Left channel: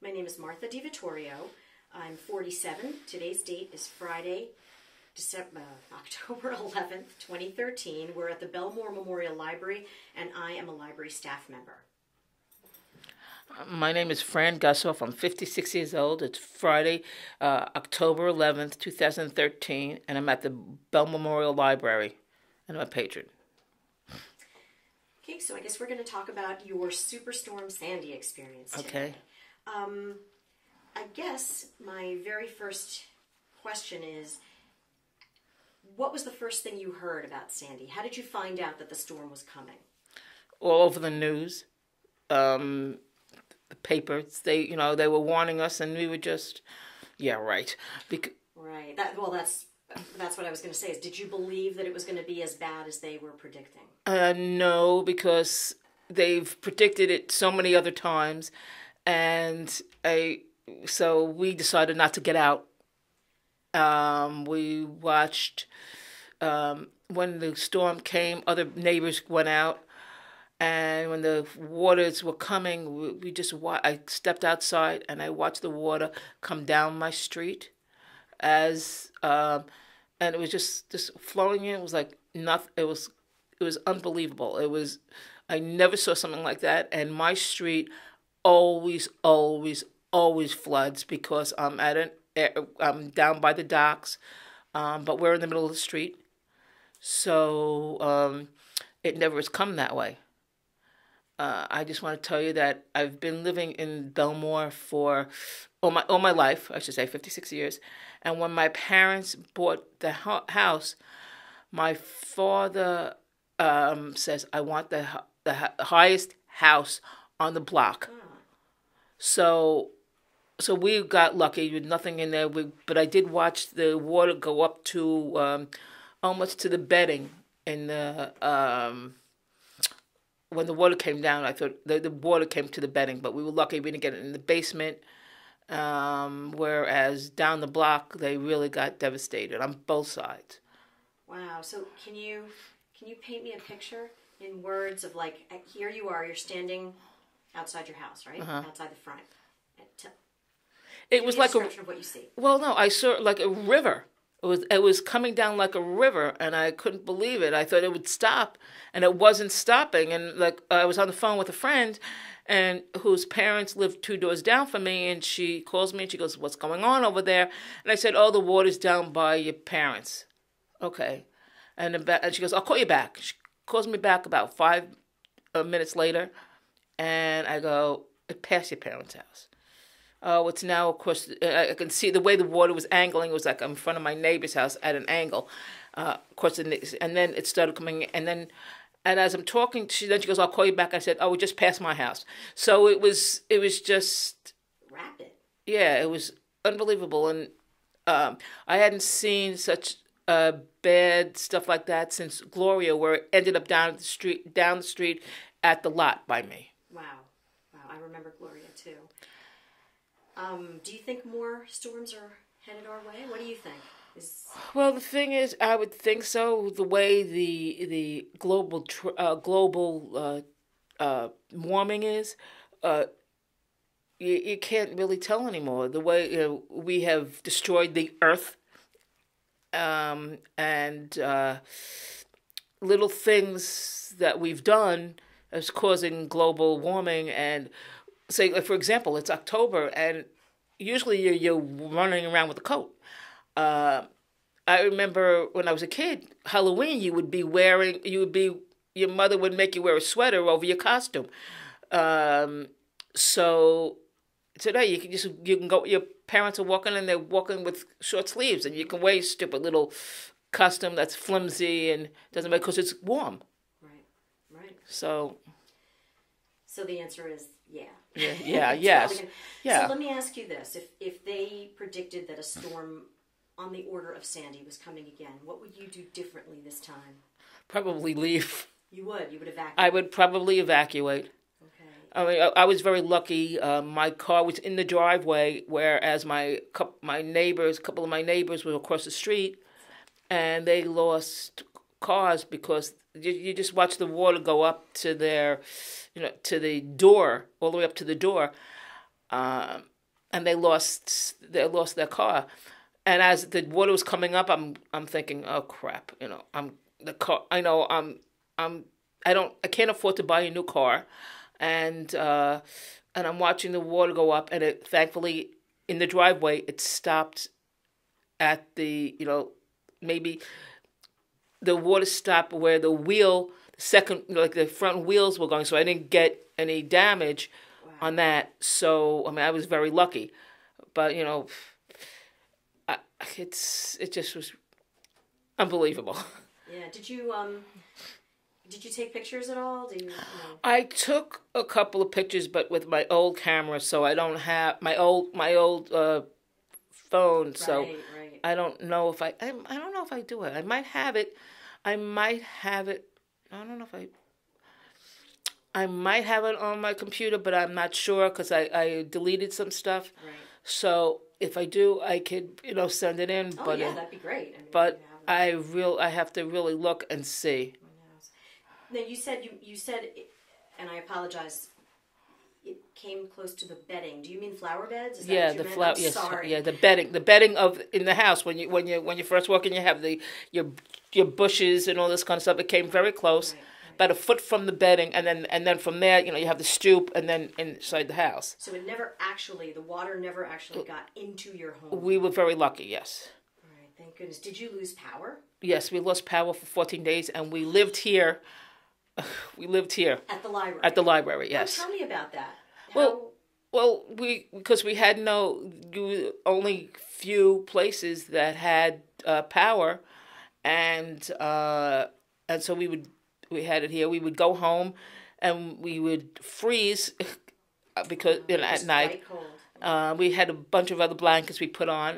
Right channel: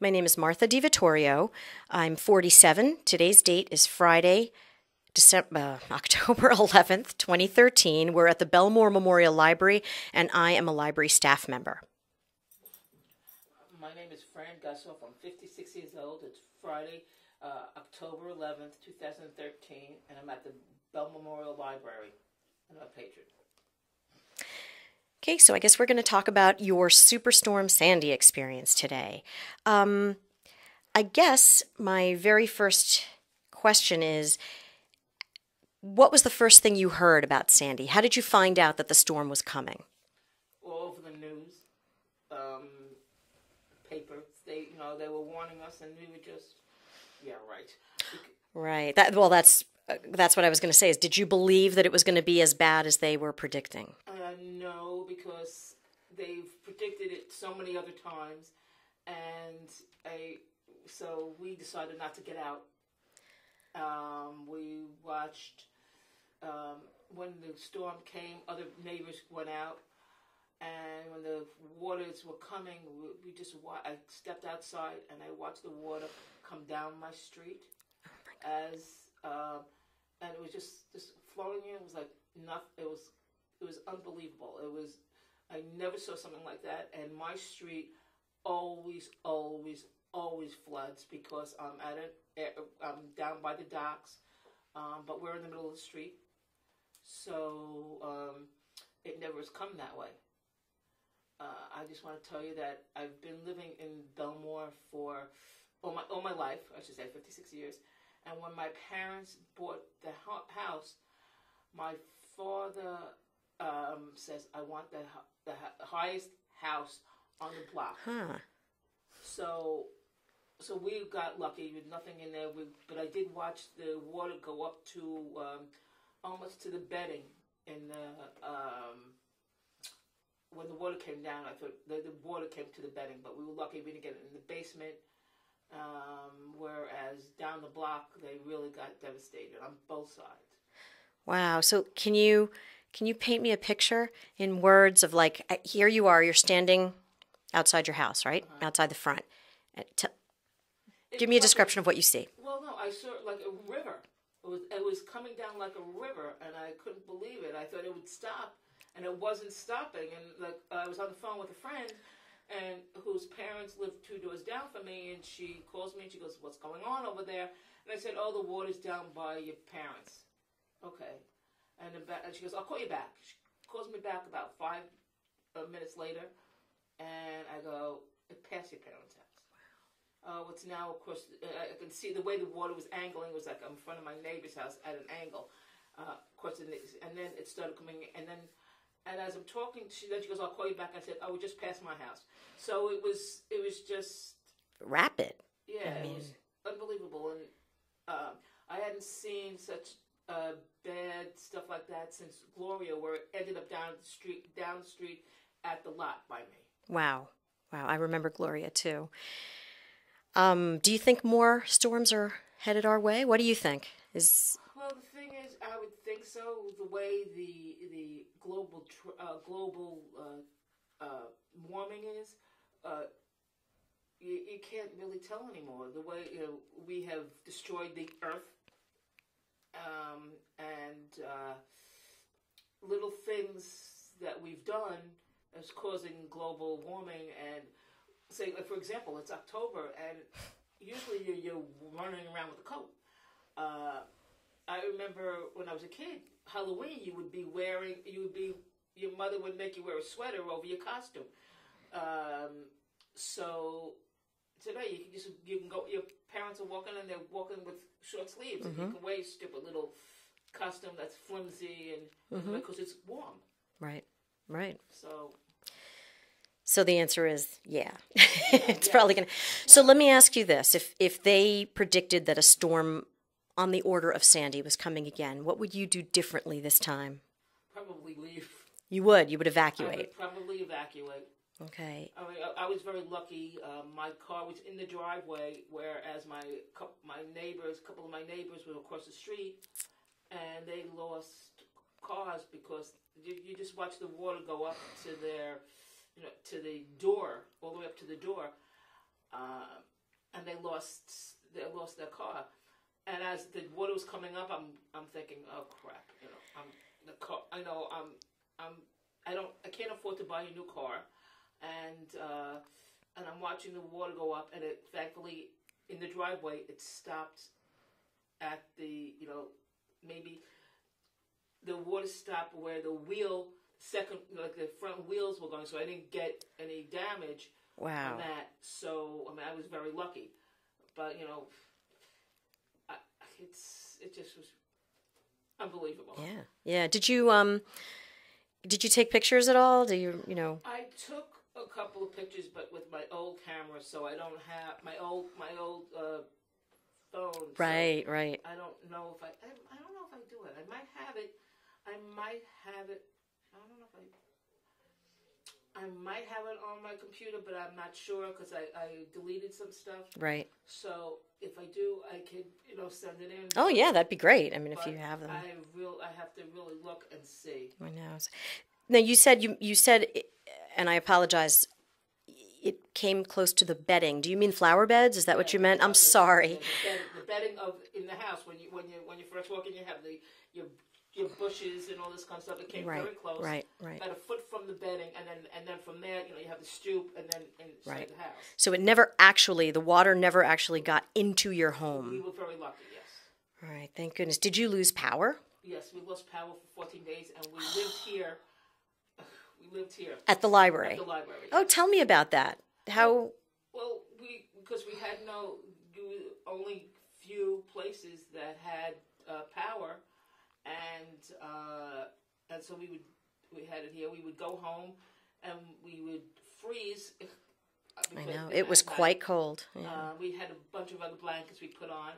My name is Martha DiVittorio. I'm 47. Today's date is Friday, October 11th, 2013. We're at the Bellmore Memorial Library, and I am a library staff member. My name is Fran Gusoff. I'm 56 years old. It's Friday, October 11th, 2013, and I'm at the Bell Memorial Library, and I'm a patron. Okay, so I guess we're going to talk about your Superstorm Sandy experience today. Okay. I guess my very first question is, what was the first thing you heard about Sandy? How did you find out that the storm was coming? All over the news, the papers. They were warning us, and we were just, yeah, right. Right. That's what I was going to say. Is did you believe that it was going to be as bad as they were predicting? No, because they've predicted it so many other times, and so we decided not to get out. We watched when the storm came. Other neighbors went out, and when the waters were coming, I stepped outside and I watched the water come down my street, and it was just flowing in. It was like nothing. It was unbelievable. I never saw something like that. And my street always floods because I'm down by the docks, but we're in the middle of the street, so it never has come that way. I just want to tell you that I've been living in Bellmore for all my life, I should say 56 years. And when my parents bought the house, my father says, I want the highest house on the block. Huh. So we got lucky with nothing in there. But I did watch the water go up to almost to the bedding in the when the water came down. I thought the water came to the bedding, but we were lucky we didn't get it in the basement. Whereas down the block, they really got devastated on both sides. Wow. So can you paint me a picture in words of, like, here you are, you're standing outside your house, right? Uh-huh. Outside the front. It Give was me a like description of what you see. Well, no, I saw like a river. It was coming down like a river, and I couldn't believe it. I thought it would stop, and it wasn't stopping. And like I was on the phone with a friend, and whose parents lived 2 doors down from me, and she calls me and she goes, "What's going on over there?" And I said, "Oh, the water's down by your parents." Okay, and she goes, "I'll call you back." She calls me back about 5 minutes later, and I go, "It passed your parents' house." It's now, of course, I can see the way the water was angling. It was like in front of my neighbor's house at an angle. Of course, and then it started coming, and as I'm talking, she goes, "I'll call you back." I said, "Oh, we just passed my house." So it was just Rapid. yeah, it was unbelievable, and I hadn't seen such bad stuff like that since Gloria, where it ended up down the street at the lot by me. Wow. I remember Gloria too. Do you think more storms are headed our way? What do you think? Well, the thing is, I would think so. The way the global warming is, you can't really tell anymore. The way we have destroyed the earth, and little things that we've done is causing global warming. And say, like, for example, it's October, and usually you're running around with a coat. I remember when I was a kid, Halloween, your mother would make you wear a sweater over your costume. So today you can go. Your parents are walking, and they're walking with short sleeves, and you can wear your stupid little costume that's flimsy and doesn't matter because it's warm. Right. So the answer is yeah. Yeah, It's yes. probably gonna. Yeah. So let me ask you this: if they predicted that a storm on the order of Sandy was coming again, what would you do differently this time? Probably leave. You would evacuate. I would probably evacuate. Okay. I mean, I was very lucky. My car was in the driveway, whereas a couple of my neighbors were across the street, and they lost cars because you just watch the water go up to to the door, all the way up to the door. and they lost their car. And as the water was coming up, I'm thinking, oh crap, I can't afford to buy a new car, and I'm watching the water go up, and it thankfully in the driveway it stopped at the maybe the water stopped where the front wheels were going, so I didn't get any damage on that. So I mean, I was very lucky, but it just was unbelievable. Yeah. Did you take pictures at all? I took a couple of pictures, but with my old camera, so I don't have my old phone. Right, so right. I don't know if I don't know if I do it. I might have it. I don't know if I might have it on my computer, but I'm not sure because I deleted some stuff. Right. So if I do, I could send it in. Oh yeah, that'd be great. I mean, but if you have them. I have to really look and see. I know. Now you said, and I apologize. It came close to the bedding. Do you mean flower beds? Is that what you meant? I'm sorry. Yeah, the bedding in the house when you first walk in, you have your bushes and all this kind of stuff. It came very close, about a foot from the bedding, and then from there, you have the stoop, and then inside the house. So the water never actually got into your home. We were very lucky, yes. All right, thank goodness. Did you lose power? Yes, we lost power for 14 days, and we lived here. At the library. At the library, yes. Oh, tell me about that. How? Well, because we had only few places that had power, and so we had it here. We would go home, and we would freeze because it was at night, quite cold. Yeah. We had a bunch of other blankets we put on.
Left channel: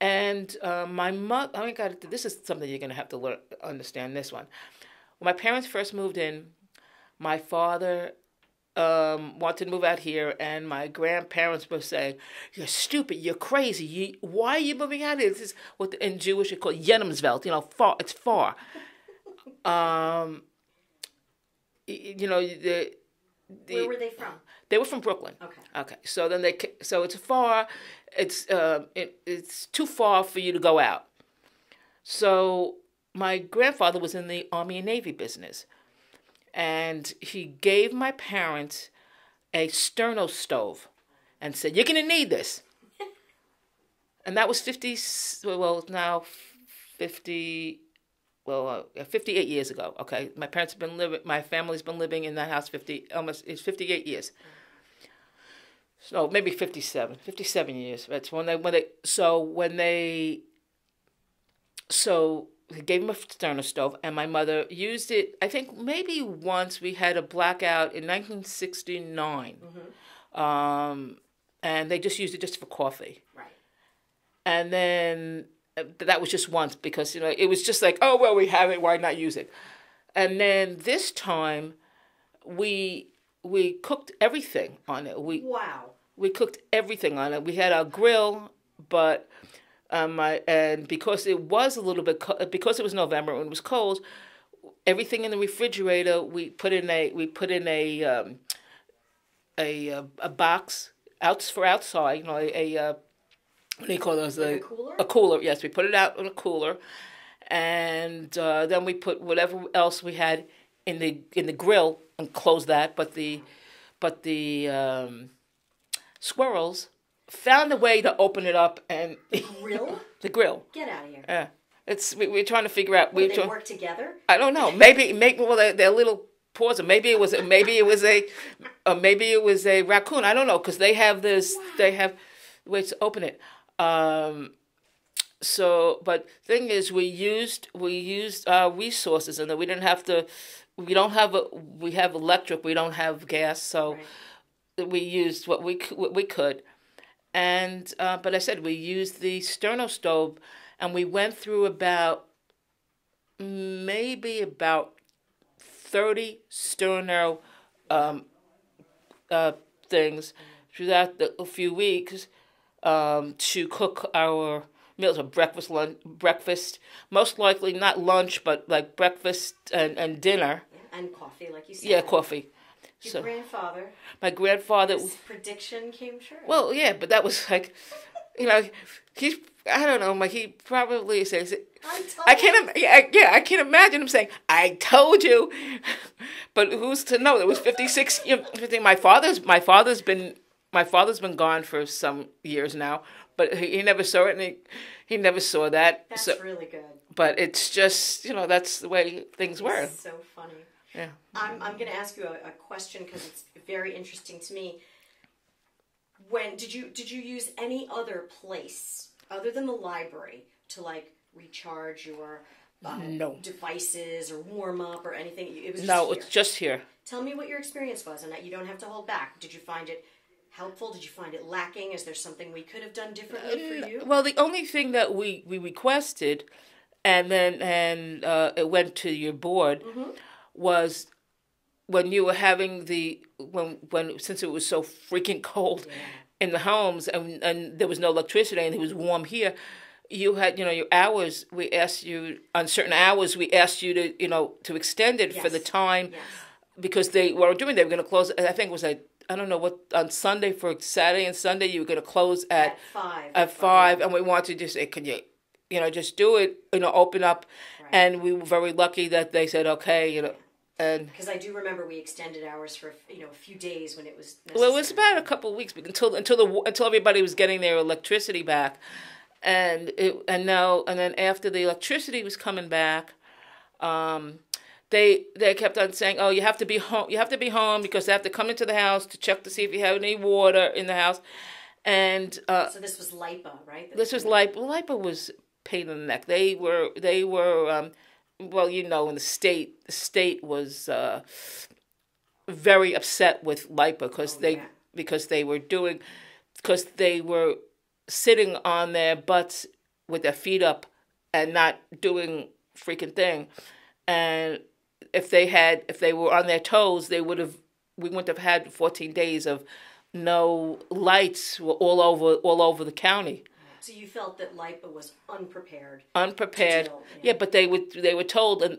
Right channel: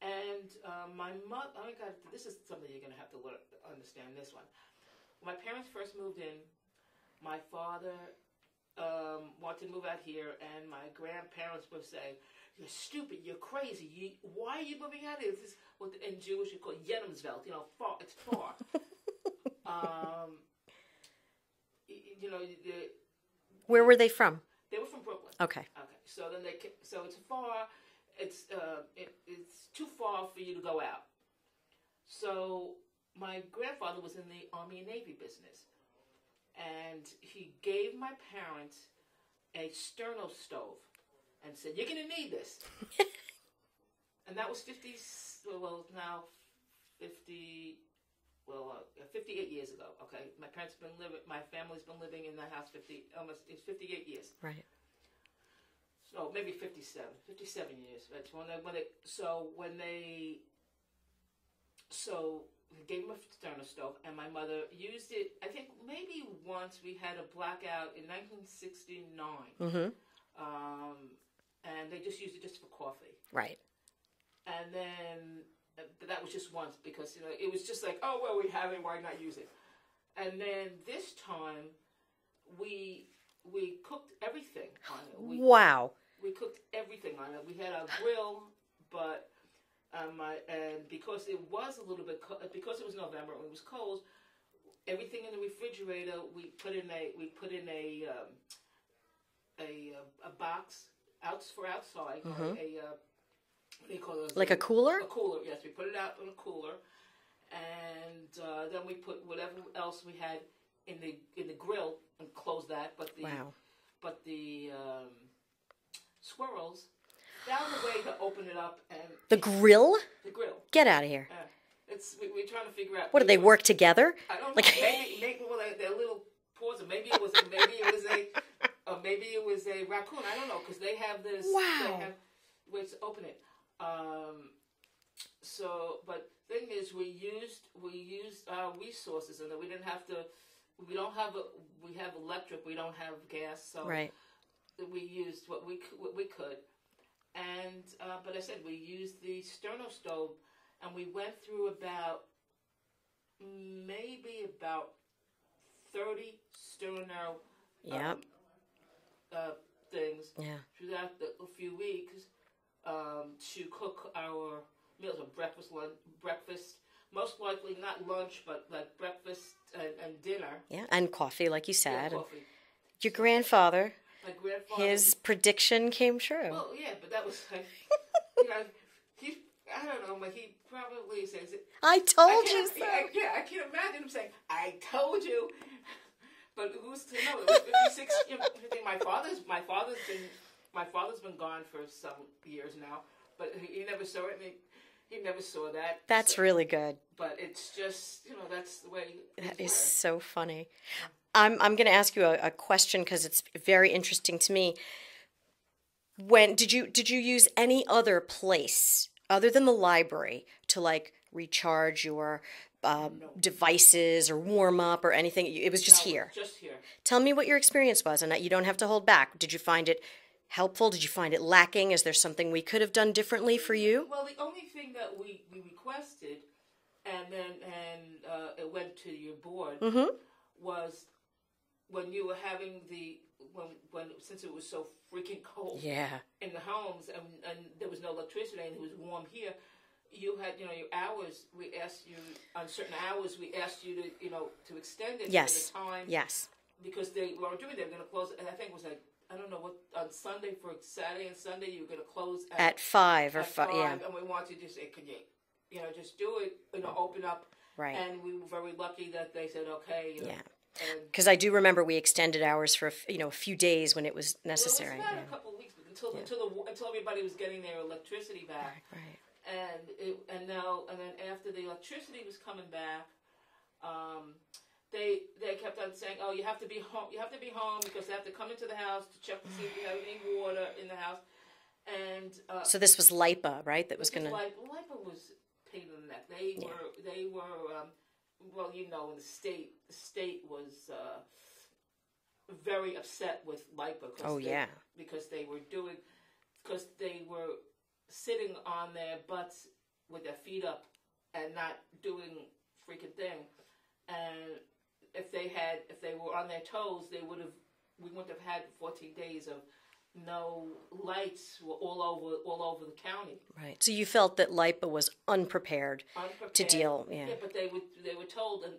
And my mother, oh my God, this is something you're going to have to understand this one. When my parents first moved in, my father wanted to move out here, and my grandparents were saying, "You're stupid, you're crazy, why are you moving out here? This is what in Jewish you call Jenemsveld, far, it's far." Where were they from? They were from Brooklyn. Okay. So then it's far. It's too far for you to go out. So my grandfather was in the Army and Navy business, and he gave my parents a sterno stove and said, "You're going to need this." And that was 58 years ago. Okay, my family's been living in that house 58 years. Right. So maybe 57 years. That's so he gave him a sterno stove, and my mother used it. I think maybe once we had a blackout in 1969, and they just used it just for coffee. Right. And then that was just once because it was just like, oh well, we have it, why not use it? And then this time, we cooked everything on it. We cooked everything on it. We had our grill, but because it was a little bit because it was November and it was cold, everything in the refrigerator we put in a box for outside. What do you call those? Like a cooler? A cooler, yes. We put it out in a cooler, and then we put whatever else we had in the grill and closed that. But the squirrels found a way to open it up and the grill. The grill. Get out of here. Yeah, we're trying to figure out. What do they work together? I don't know. Maybe they're little paws. Maybe it was a raccoon. I don't know because they have this. Wow. They have ways to open it. But thing is, we used our resources, and that we didn't have to. We have electric. We don't have gas, so we used what we could. And but I said we used the sterno stove, and we went through about 30 sterno things throughout a few weeks. To cook our meals, breakfast, most likely not lunch, but like breakfast and dinner. Yeah, and coffee, like you said. Yeah, coffee. Your grandfather. My grandfather. His prediction came true. Well, yeah, but that was like, you know, he's. I don't know. Like he probably says, "I told you." I can't imagine him saying, "I told you." But who's to know? It was 56. My father's been gone for some years now, but he never saw it, and he never saw that. That's really good. But it's just, that's the way things were. It's so funny. Yeah. I'm going to ask you a question because it's very interesting to me. When did you use any other place other than the library to like recharge your devices or warm up or anything? It was just here. It's just here. Tell me what your experience was, and you don't have to hold back. Did you find it helpful? Did you find it lacking? Is there something we could have done differently for you? Well, the only thing that we requested, and it went to your board, was when you were having when since it was so freaking cold in the homes and there was no electricity and it was warm here, you had your hours. We asked you on certain hours. We asked you to extend it for the time. Yes. Because they were going to close. I think it was I don't know what, on Sunday, for Saturday and Sunday you were going to close at 5. At 5, and we wanted to just say, can you, just do it, open up. Right. And we were very lucky that they said okay, And because I do remember we extended hours for a few days when it was necessary. Well, it was about a couple of weeks until everybody was getting their electricity back, and then after the electricity was coming back, they kept on saying, oh, you have to be home. You have to be home because they have to come into the house to check to see if you have any water in the house, and so this was LIPA, right? LIPA. LIPA was pain in the neck. They were. Well, in the state was very upset with LIPA because they were sitting on their butts with their feet up and not doing freaking thing. And if they were on their toes, we wouldn't have had 14 days of no lights all over the county. Right. So you felt that LIPA was unprepared. Unprepared. To deal. Yeah, but they were told, and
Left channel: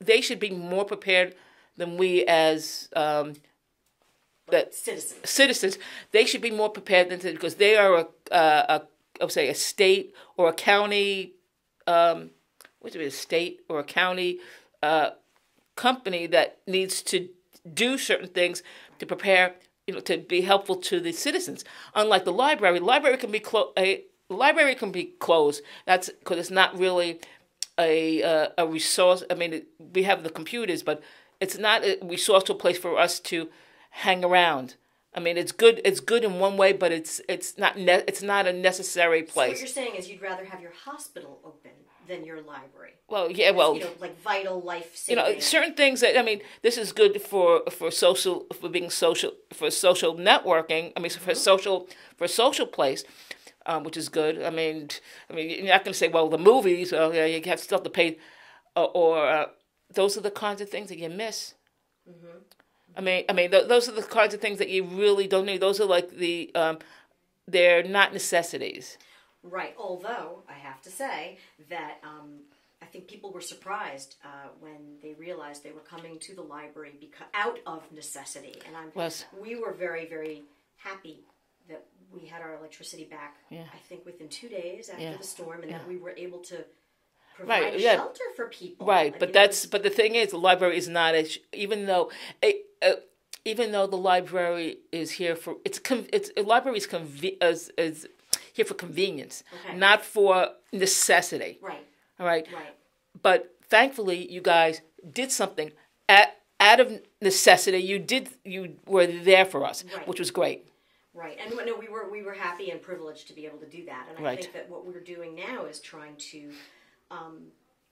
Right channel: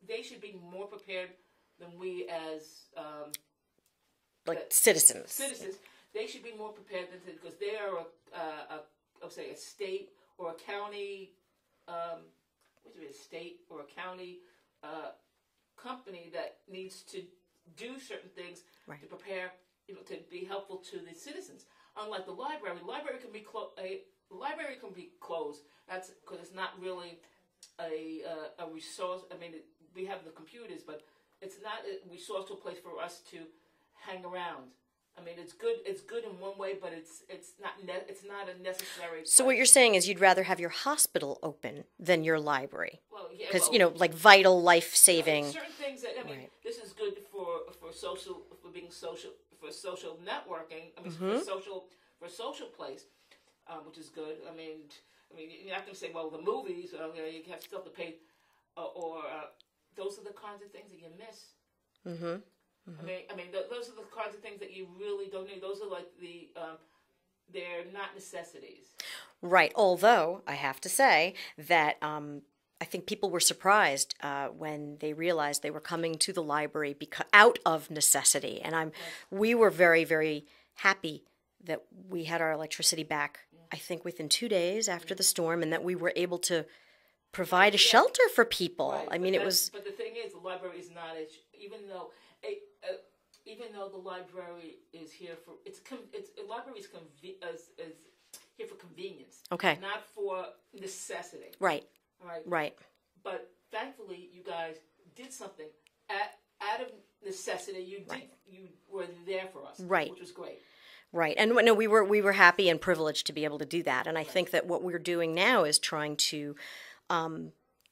they should be more prepared than we as citizens. Citizens, they should be more prepared than because they are I would say a state or a county. A state or a county company that needs to do certain things to prepare, to be helpful to the citizens. Unlike the library, can be closed. That's because it's not really a resource. I mean, we have the computers, but it's not a resourceful place for us to hang around. I mean, it's good. It's good in one way, but it's not a necessary place. So what you're saying is you'd rather have your hospital open than your library. Well, yeah, well, like vital, life-saving. Certain things that this is good for social networking. I mean, for a social place, which is good. I mean, you're not going to say, well, the movies. Well, yeah, you have stuff to pay, or those are the kinds of things that you miss. Mm-hmm. I mean, those are the kinds of things that you really don't need. Those are like they're not necessities. Right. Although I have to say that I think people were surprised when they realized they were coming to the library out of necessity, and we were very, very happy that we had our electricity back. Yeah. I think within 2 days after the storm, and that we were able to provide a shelter for people. Right, but the thing is, the library is not even though the library is here for library is here for convenience. Okay, not for necessity. Right. All right. Right. But thankfully, you guys did something out of necessity. You were there for us. Right. Which was great. Right, and no, we were happy and privileged to be able to do that, and I think that what we're doing now is trying to.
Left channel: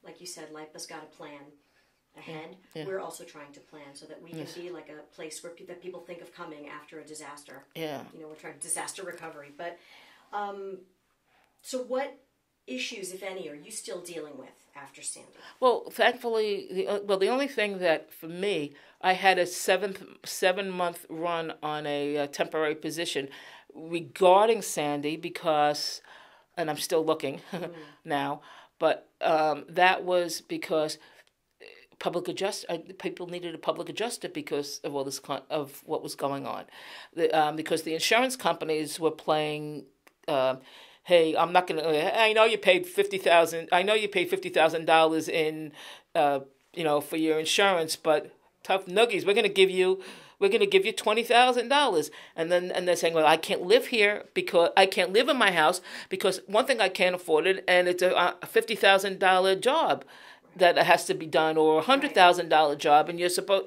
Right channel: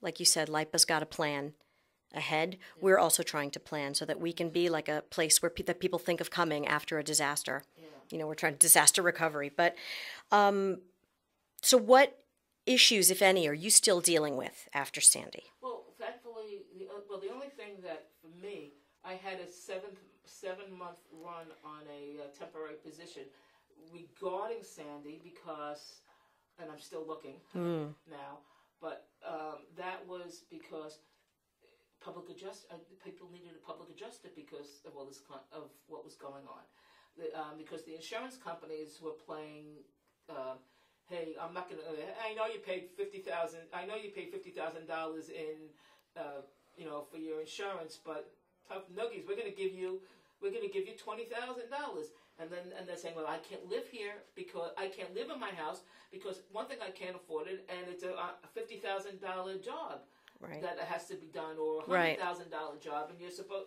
Like you said, LIPA's got a plan ahead. Yeah. We're also trying to plan so that we can be like a place where that people think of coming after a disaster. Yeah. We're trying disaster recovery. But so what issues, if any, are you still dealing with after Sandy? Well, thankfully, the only thing that for me, I had a 7-month run on a temporary position regarding Sandy because, and I'm still looking now. But that was because public adjust. People needed a public adjuster because of all this of what was going on, because the insurance companies were playing. Hey, I'm not gonna. I know you paid $50,000. I know you paid $50,000 in, for your insurance, but tough noogies. We're gonna give you $20,000, and they're saying, well, I can't live here because I can't live in my house because one thing I can't afford it, and it's a $50,000 job. Right. That has to be done, or $100,000 job, and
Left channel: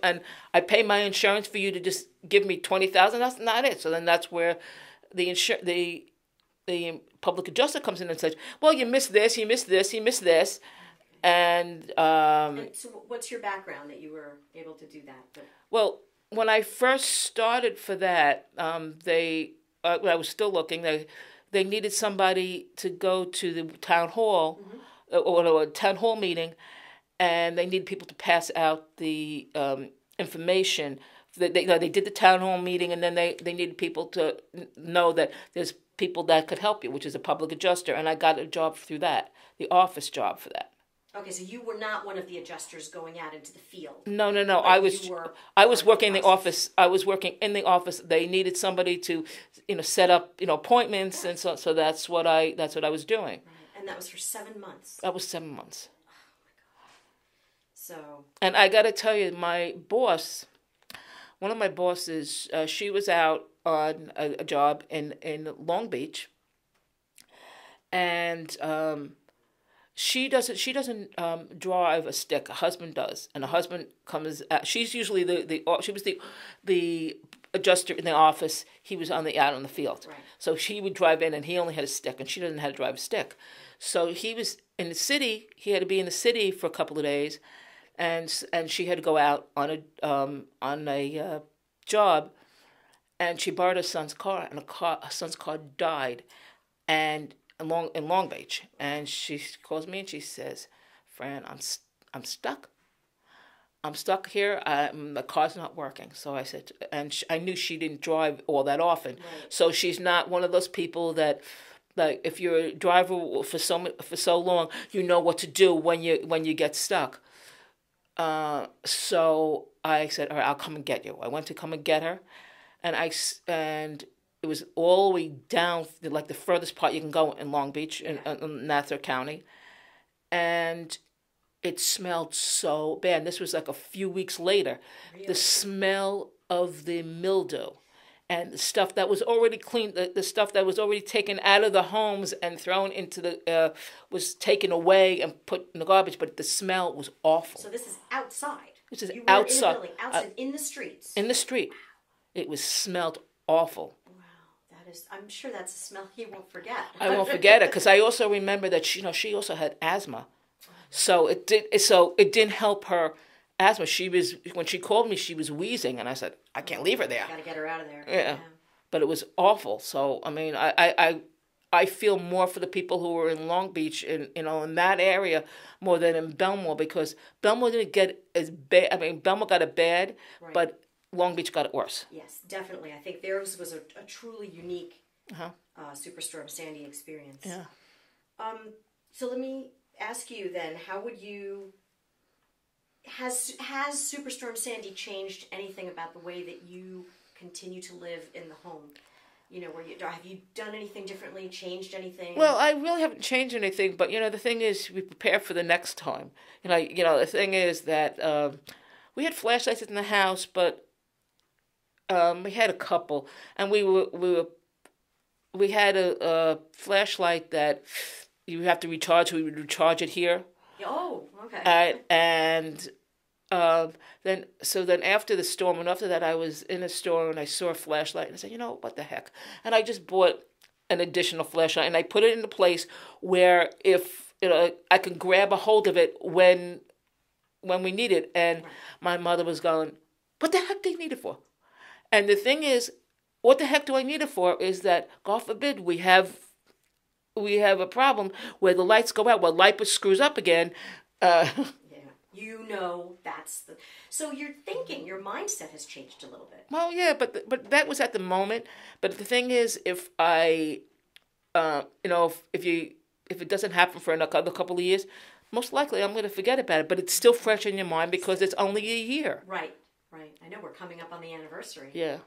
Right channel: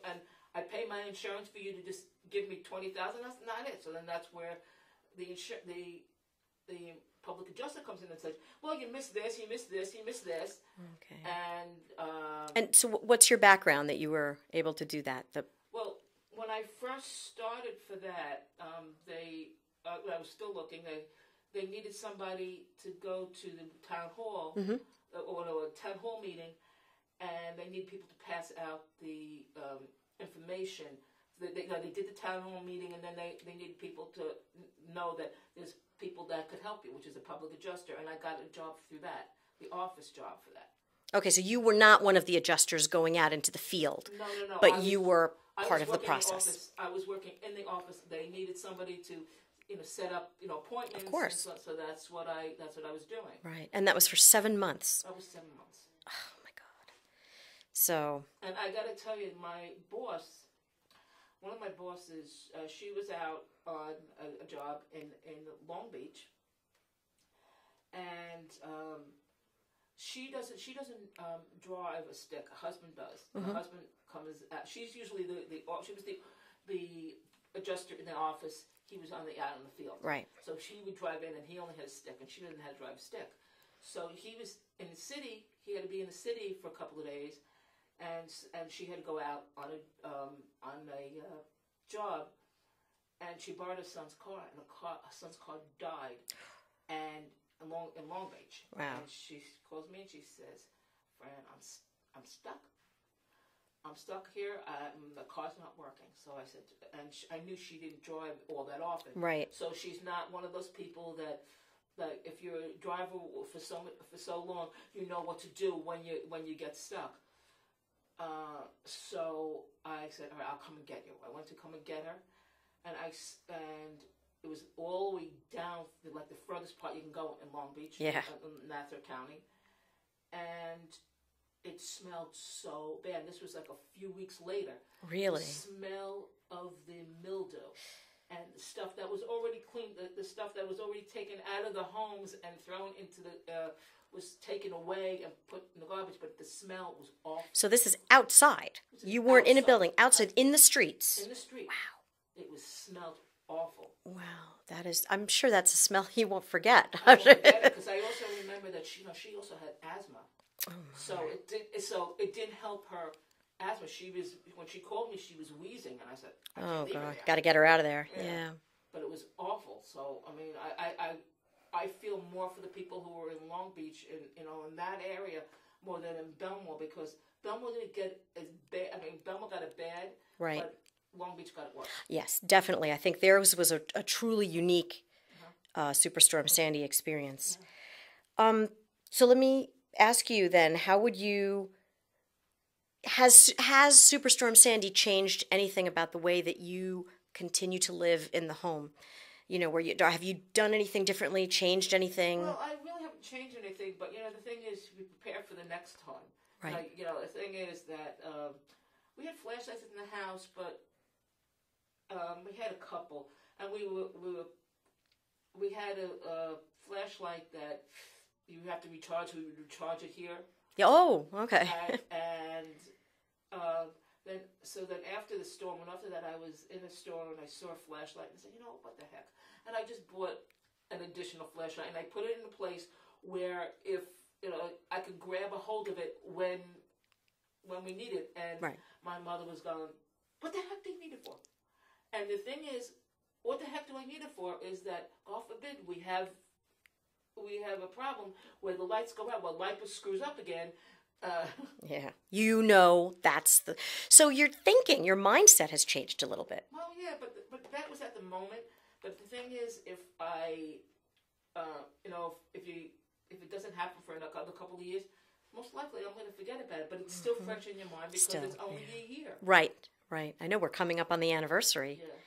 and I pay my insurance for you to just give me $20,000. That's not it. So then that's where the public adjuster comes in and says, well, you missed this, you missed this, you missed this, and so what's your background that you were able to do that? Well, when I first started for that, when I was still looking, they needed somebody to go to the town hall. Mm-hmm. Or a town hall meeting, and they needed people to pass out the information. They did the town hall meeting, and then they needed people to know that there's people that could help you, which is a public adjuster, and I got a job through that, the office job for that. Okay, so you were not one of the adjusters going out into the field. No. But I was working in the office. I was working in the office. They needed somebody to, set up, appointments, and so that's what I was doing. Right, and that was for 7 months. That was 7 months. Oh my God. So. And I got to tell you, my boss, one of my bosses, she was out on a job in Long Beach, and. She doesn't drive a stick. A husband does, and mm-hmm. a husband comes. She's usually she was the adjuster in the office. He was out on the field. Right. So she would drive in, and he only had a stick, and she doesn't know how to drive a stick. So he was in the city. He had to be in the city for a couple of days, and she had to go out on a job, and she borrowed her son's car, and her son's car died, and. In Long Beach, wow. And she calls me and she says, "Fran, I'm stuck. I'm stuck here. The car's not working." So I said, I knew she didn't drive all that often, right? So she's not one of those people that, like, if you're a driver for so long, you know what to do when you get stuck. So I said, "All right, I'll come and get you." I went to come and get her, and. It was all the way down, like the furthest part you can go in Long Beach, in Nassau County. And it smelled so bad. This was like a few weeks later. Really? The smell of the mildew and the stuff that was already cleaned, the stuff that was already taken out of the homes and thrown into was taken away and put in the garbage, but the smell was awful. So this is outside. You weren't in a building, outside, in the streets. In the street. Wow. It smelled awful. Wow. I'm sure that's a smell you won't forget. I won't forget it, because I also remember that she also had asthma, so it didn't help her asthma. When she called me, she was wheezing, and I said, I can't leave her there. Got to get her out of there. Yeah. But it was awful. So I mean, I feel more for the people who were in Long Beach in that area more than in Bellmore, because Bellmore didn't get as bad. I mean, Bellmore got it bad, right. But Long Beach got it worse. Yes, definitely. I think theirs was a truly unique Superstorm Sandy experience. Yeah. So let me ask you then, how would you... Has Superstorm Sandy changed anything about the way that you continue to live in the home? Have you done anything differently, changed anything? Well, I really haven't changed anything, but, the thing is, we prepare for the next time. Right. The thing is that we had flashlights in the house, but we had a couple, and we had a flashlight that you have to recharge. We would recharge it here. Oh, okay. And then after the storm, and after that, I was in a store and I saw a flashlight, and I said, what the heck? And I just bought an additional flashlight, and I put it in a place where if I can grab a hold of it when we need it. And right. My mother was going, "What the heck do you need it for?" And the thing is, what the heck do I need it for? Is that, God forbid, we have a problem where the lights go out, where LIPA screws up again. Yeah, that's the... So your mindset has changed a little bit. Well, yeah, but that was at the moment. But the thing is, if I, if it doesn't happen for another couple of years, most likely I'm going to forget about it, but it's still fresh in your mind because Still. it's only a year. Right, right. I know we're coming up on the anniversary. Yeah.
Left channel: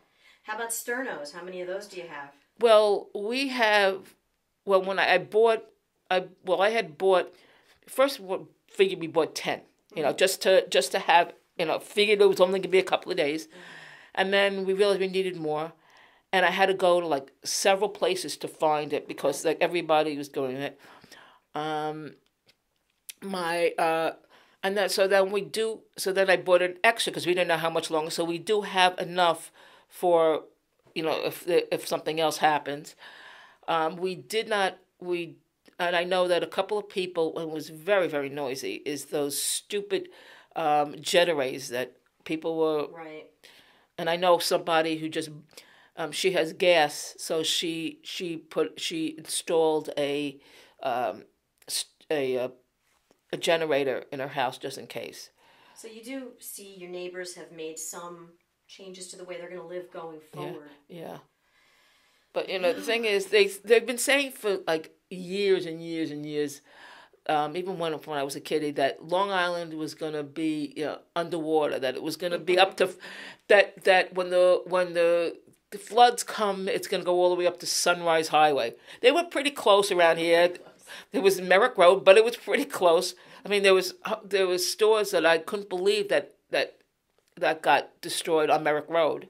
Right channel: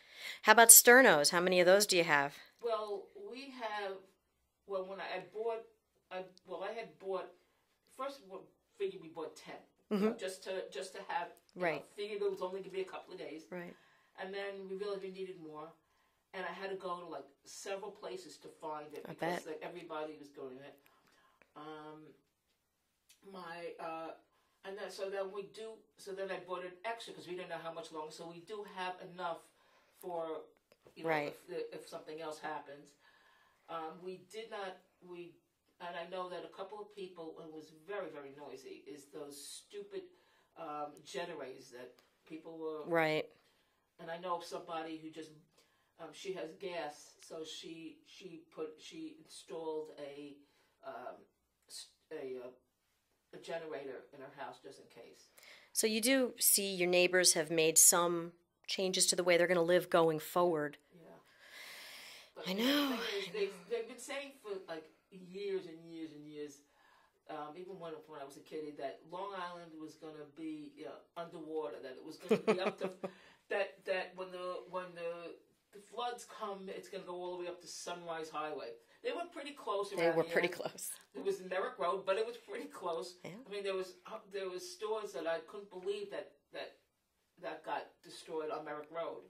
How about sternos? How many of those do you have? Well, we have. Well, when I bought, I had bought. First, figured we bought 10. You know, just to have. You know, figured it was only going to be a couple of days, and then we realized we needed more, and I had to go to like several places to find it because like everybody was doing it. And then so then I bought an extra because we didn't know how much longer. So we do have enough for, you know, if something else happens. And I know that a couple of people, it was very, very noisy, is those stupid jet arrays that people were. Right. And I know somebody who just, she has gas, so she installed a generator in her house just in case. So you do see your neighbors have made some changes to the way they're going to live going forward. Yeah. But you know the thing is, they've been saying for like years and years and years, even when I was a kid, that Long Island was going to be, you know, underwater. That it was going to be up to that when the floods come, it's going to go all the way up to Sunrise Highway. They were pretty close around here. It was Merrick Road, but it was pretty close. I mean, there was stores that I couldn't believe that got destroyed on Merrick Road.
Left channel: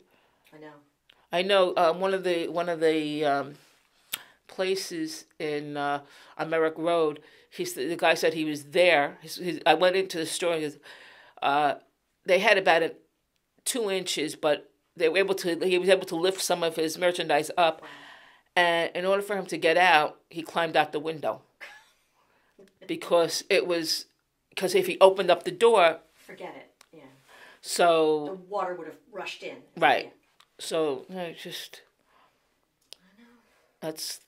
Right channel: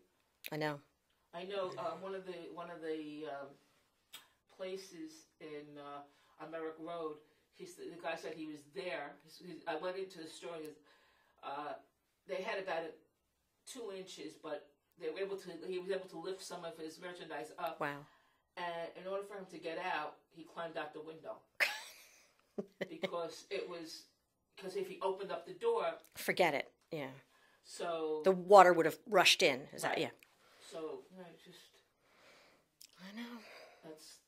I know one of the places in on Merrick Road. The guy said he was there. I went into the store. They had about 2 inches, but he was able to lift some of his merchandise up. Wow. And in order for him to get out, he climbed out the window. because if he opened up the door, forget it. Yeah. So the water would have rushed in. Right. Yeah. So I know. That's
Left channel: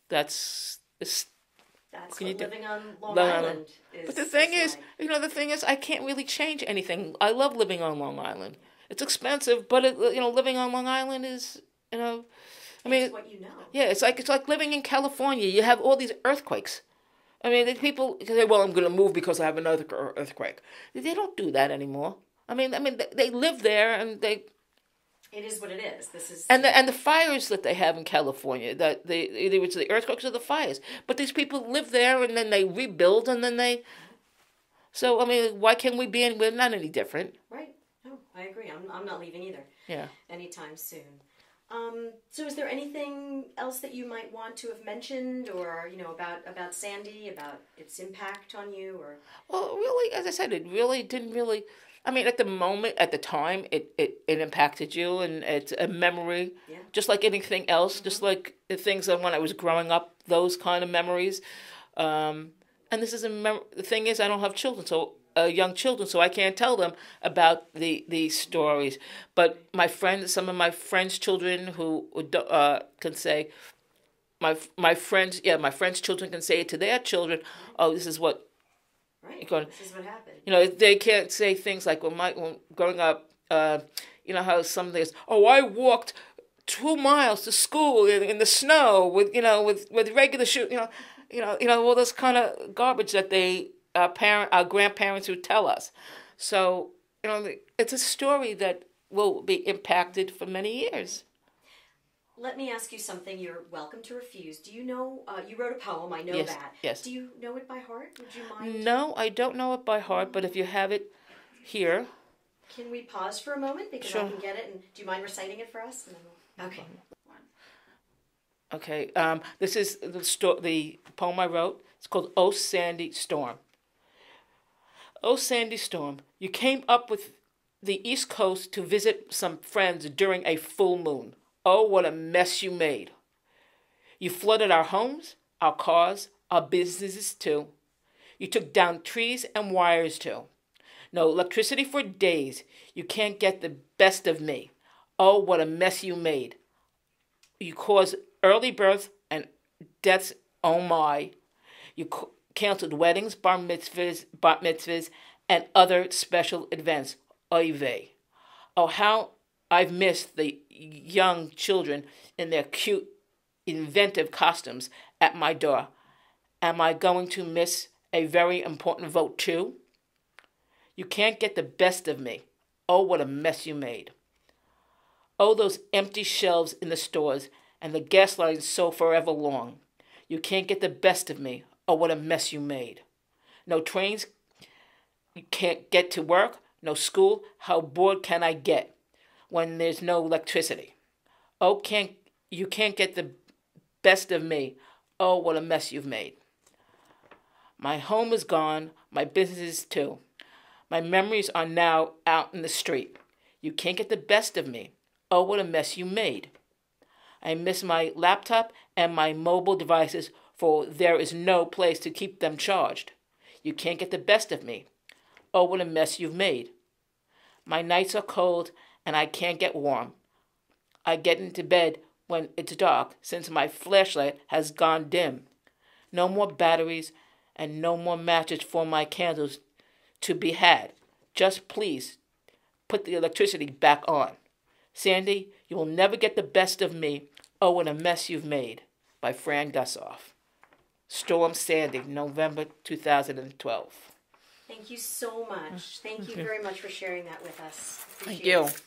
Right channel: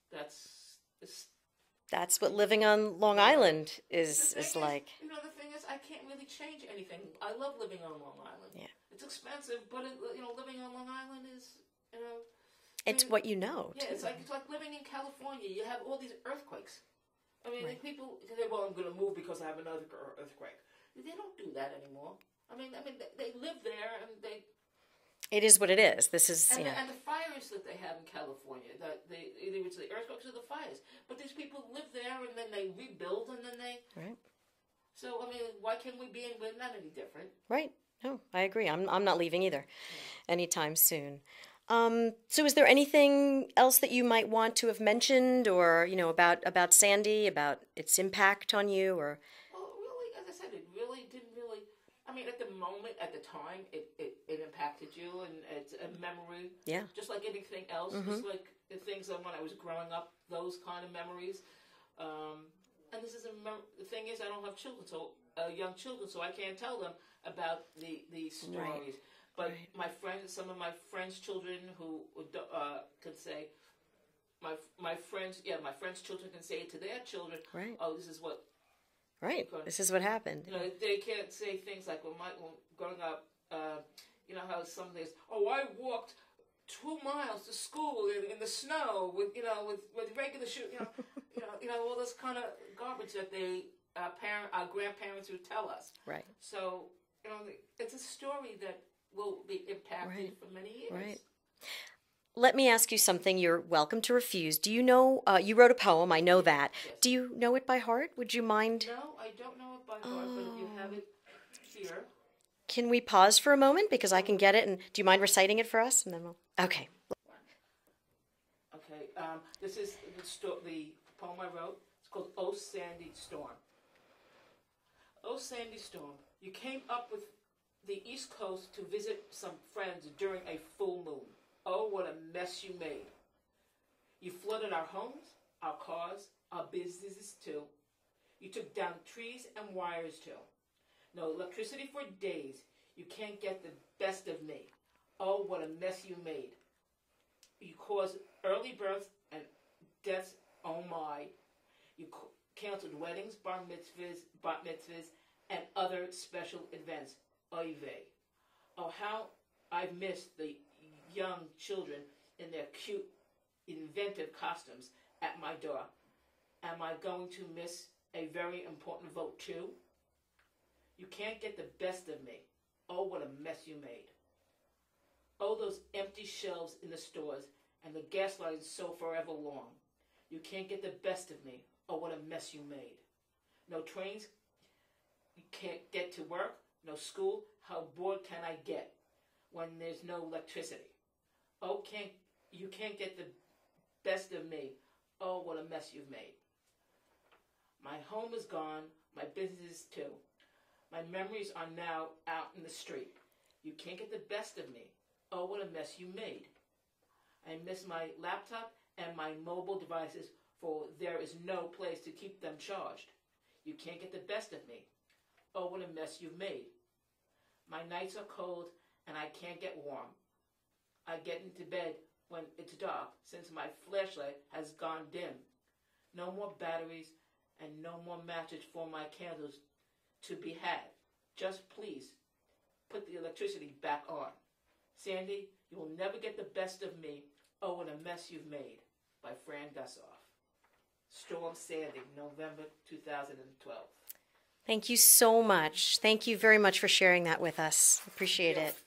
what living on Long Island is. But the thing is, like. the thing is, I can't really change anything. I love living on Long Island. Yeah. It's expensive, but living on Long Island is, It's what you know. Yeah, it's like living in California. You have all these earthquakes. I mean, people say, "Well, I'm going to move because I have another earthquake." They don't do that anymore. I mean, they live there and they. It is what it is. This is and the fires that they have in California, that either it's the earthquakes or the fires. But these people live there and then they rebuild and then they. Yeah. So I mean, why can't we be? We're not any different, right? No, I agree. I'm not leaving either. Yeah. Anytime soon. So is there anything else that you might want to have mentioned, or about Sandy, about its impact on you, or? Well, really, as I said, it really didn't really. I mean, at the time, it impacted you, and it's a memory. Yeah. Just like anything else, just like the things that when I was growing up, those kind of memories. And this is the thing is, I don't have children, so young children, so I can't tell them about these stories. But some of my friends' children who can say, my friends' children can say it to their children. Right. Oh, this is what. Right. This is what happened. They can't say things like when growing up. How some days. Oh, I walked 2 miles to school in the snow with regular shoes. All this kind of garbage that our grandparents would tell us. Right. So it's a story that will be impacted for many years. Right. Let me ask you something. You're welcome to refuse. Do you know, you wrote a poem, I know that. Yes. Do you know it by heart? Would you mind? No, I don't know it by heart, but if you have it here. Can we pause for a moment? Because sure. I can get it. And do you mind reciting it for us? And then okay. Okay. This is the poem I wrote. It's called "Oh Sandy Storm." Oh Sandy Storm, you came up with the East Coast to visit some friends during a full moon. Oh, what a mess you made. You flooded our homes, our cars, our businesses too. You took down trees and wires too. No electricity for days. You can't get the best of me. Oh, what a mess you made. You caused early births and deaths. Oh my. You canceled weddings, bar mitzvahs, and other special events. Oy vey. Oh, how I've missed the young children in their cute, inventive costumes at my door. Am I going to miss a very important vote too. You can't get the best of me. Oh, what a mess you made. Oh, those empty shelves in the stores and the gas lines so forever long. You can't get the best of me. Oh, what a mess you made. No trains, you can't get to work. No school, how bored can I get when there's no electricity? Oh, you can't get the best of me. Oh, what a mess you've made. My home is gone, my business is too. My memories are now out in the street. You can't get the best of me. Oh, what a mess you made. I miss my laptop and my mobile devices, for there is no place to keep them charged. You can't get the best of me. Oh, what a mess you've made. My nights are cold and I can't get warm. I get into bed when it's dark, since my flashlight has gone dim. No more batteries and no more matches for my candles to be had. Just please put the electricity back on. Sandy, you will never get the best of me. Oh, what a mess you've made. By Fran Gusoff. Storm Sandy, November 2012. Thank you so much. Thank you very much for sharing that with us. Appreciate Thank you. it.